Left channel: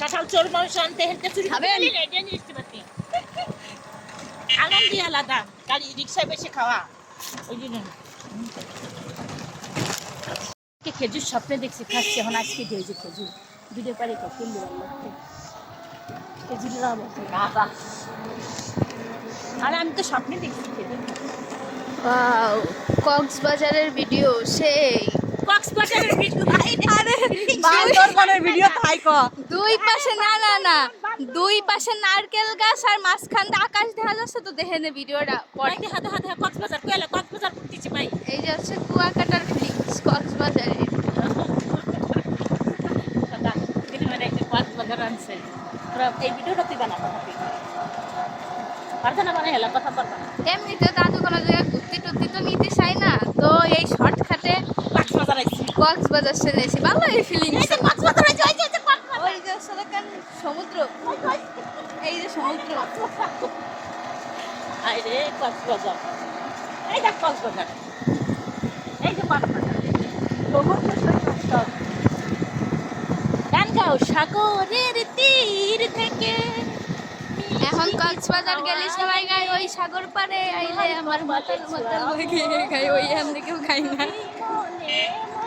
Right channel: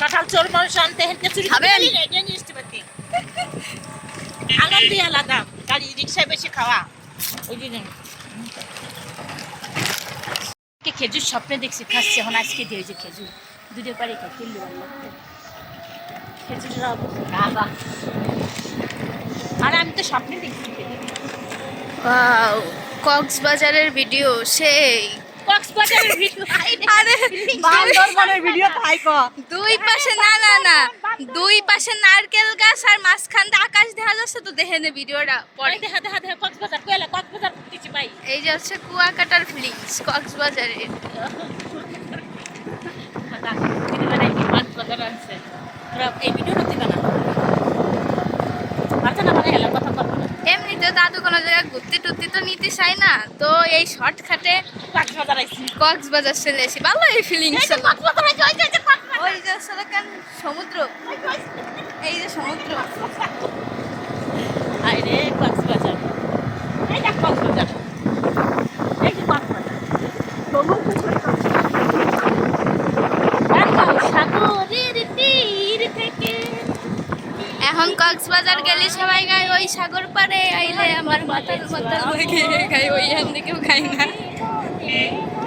কাঁঠাল চোর মানুষ আনতে হেঁটে চুরি খাবেন? করতে আনন্দই আলাদা। গাড়ি রিক্সায় বেশি খাওয়া। ওই জন্য খেজুর স্বপ্নে দেখছি খাচ্ছি। এখন আজকে দিয়ে যে খেজুর। দুটো পারি কিনলে? খেজুরের আর আমি তো স্বপ্নে দেখছি খেজুর। কক্সবাজারের ভিডিও সেই। বান্দরবনের ভিডিও তাই ক। দুই পাশে না না না। দুই পাশে নারকেল গাছ আর আকাশ দেখা যাচ্ছে তো দেখে নে ভিডিওটা পরে। দেখা দেখা দেখা কক্সবাজার কইলে কক্সবাজার দিচ্ছি ভাই। এই যে হচ্ছে কুয়াকাটার কক্সবাজারে কক্সবাজার আনছে এই ভিডিওটা মানে এমনিতে দাদু কোনো জায়গায় ঘুরতে টুরতে তো নিতে চাই না তো এই শর্টকাটে কক্সবাজার চলে এসেছি ভালো এই আইছি ওই যে দেখেন সমুদ্র? এই যে সমুদ্র। আই রে কক্সবাজার। এই দেখ কক্সবাজার। এই যে কক্সবাজার। সাগরের তীর থেকে। এখন কক্সবাজার গেলে সবাই গায় ওই সাগর পারে আইলে আমার মাথার মাথার হয়ে গিয়ে গায় ওই এখান থেকেও গাই না। Amém.